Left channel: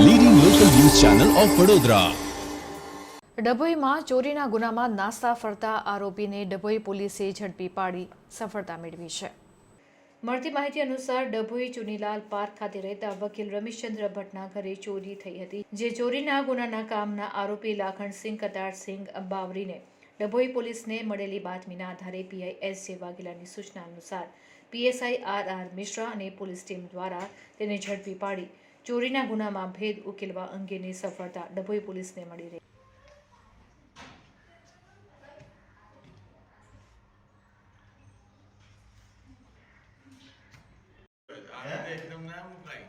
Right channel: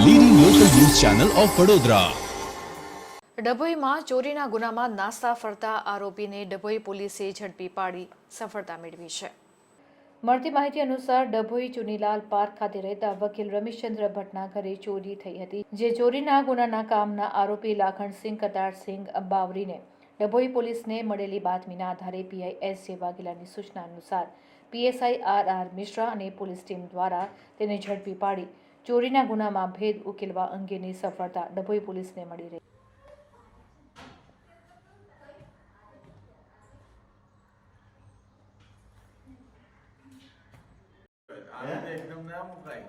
Channel of Vadodara ડભોઈમાં ચોરીના ગુનામાં નાસ્તા ફરતા આરોપીને ડભોઈ પોલીસે ઝડપી પાડી સફળતા મેળવી છે. મળતી માહિતી અનુસાર ડભોઈ ચુનીલાલ પાર્ક ખાતે રહેતા વકીલ રમેશચંદ્ર ભટ્ટના ઘરે ચોરી થઈ હતી જે ચોરીના ગુનાના કામના આરોપી લાખણસિંહ કતારસિંહ બાવરીને ડભોઈ પોલીસને મળેલી બાતમીના આધારે પીઆઈ એસ જે વાઘેલાની સૂચના અનુસાર પીએસઆઈ આર આર મિશ્રા અને પોલીસ ટીમ દ્વારા તેને ઝડપી પાડી ચોરીના ગુનામાં ભેદ ઉકેલવા અંગેની સફળતા ડભોઈ પોલીસને મળી રહી આને એકદમ ના મુકાય.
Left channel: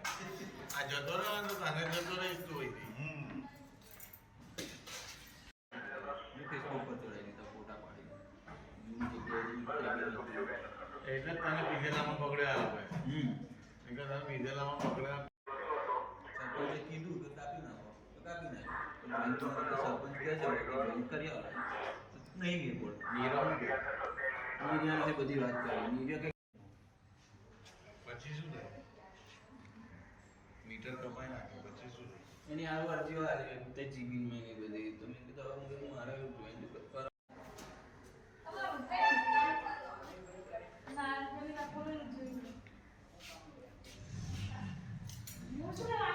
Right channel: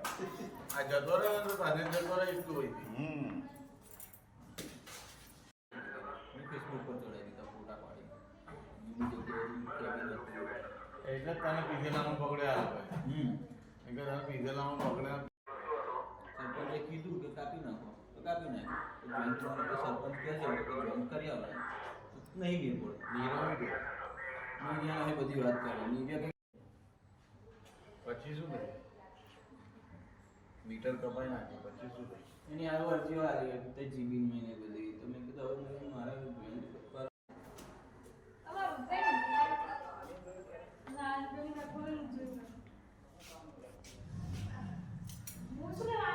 ग्रामसभा के सरपंच કહેશે કે જોઈન કરી આવે નહીં એ બોલ નીરવ નીરવ એ બધી વાત કરે નીરવ કઈ પછી શું થાય મીટર કપાઈ નાખ્યો પછી શું એની આ અરજી આવી તે જીબી મેં બધી તો મેં કીધું હવે હું મારા જોઈન કરવા ના ના કોઈ જોઈન હું શું